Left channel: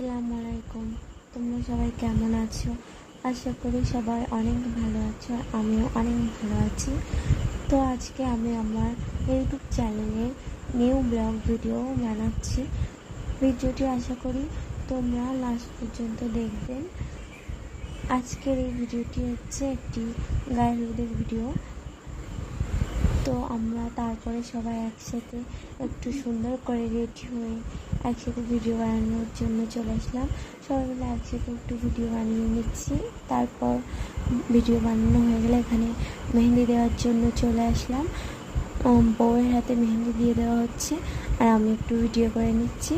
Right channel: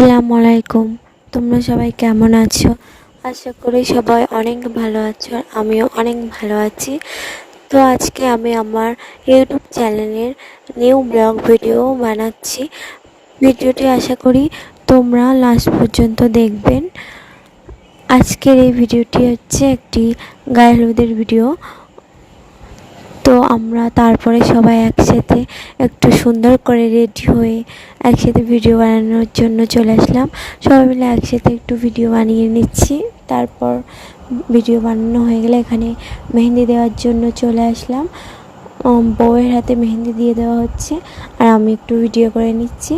আসসালামু আলাইকুম। তোমরা সবাই কেমন আছো? আশা করি সবাই অনেক ভালো আছো আর আমিও অনেক ভালো আছি। তো আজকে আমি আমার ইউটিউব চ্যানেলের নিউ ব্লগ ভিডিও বানাচ্ছি। ভিডিওটি আশা করি তোমরা লাস্ট পর্যন্ত দেখবেন। আজকের এই ভিডিওটি হচ্ছে একটি গায়ে হলুদের ভিডিও। তো আমরা তারপরে সবাই একসাথে একটু সুন্দর করে রেডি হয়ে একসাথে ভিডিও বানানোর জন্য চলে আসলাম। সবাই মিলে একসাথে একটু ভিডিও বানিয়ে নিচ্ছি। তারপর ভিডিও বানানো হয়ে গেলে এখানে মেহেন্দি দেওয়ার জন্য চলে আসলাম। বউয়ের হাতে মেহেন্দি দিয়ে দেওয়া হচ্ছে আর আমি একটু ভিডিও করে নিচ্ছি।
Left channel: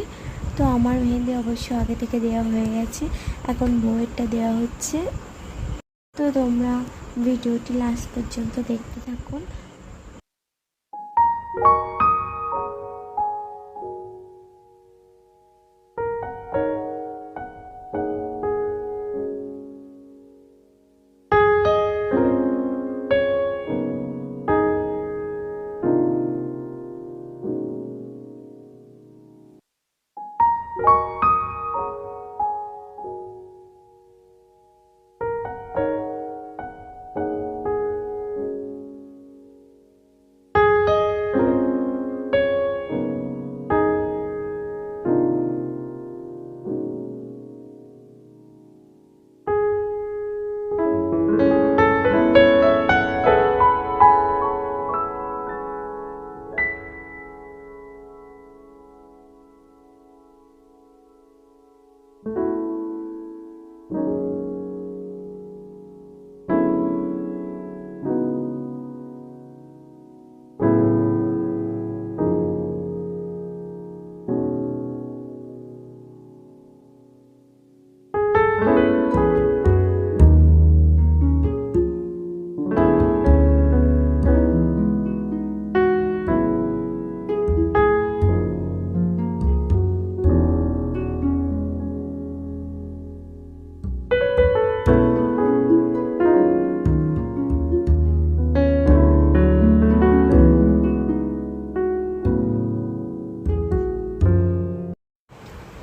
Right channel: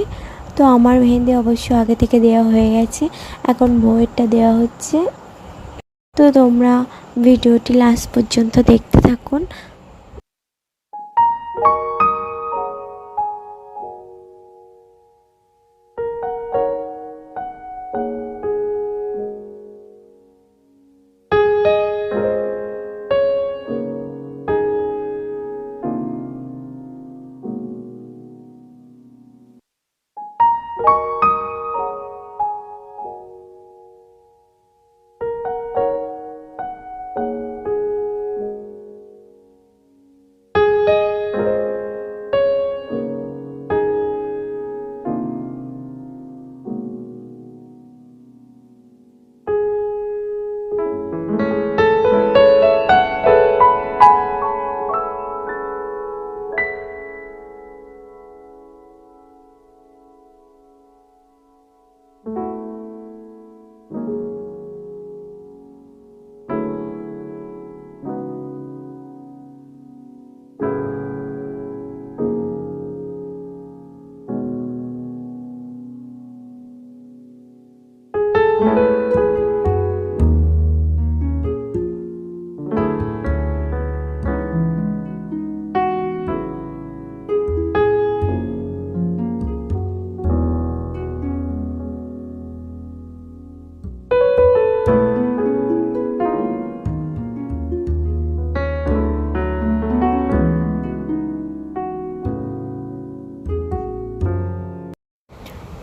তো আমার মেহেন্দি অবশ্য আগে থেকে দেওয়া হয়ে গেছে, এখন বউয়েরটা দেওয়া হচ্ছে। তো তোমরা ভিডিওটি লাস্ট পর্যন্ত দেখতে থাকুন।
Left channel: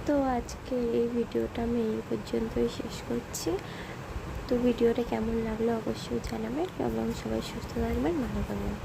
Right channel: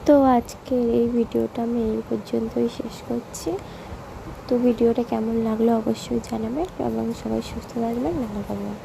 তো আজকের এই ভিডিওটা আমি এই পর্যন্তই শেষ করছি। তো ভিডিওটা কেমন লাগলো অবশ্যই জানাবেন এবং সবাই সুস্থ থাকবেন, ভালো থাকবেন।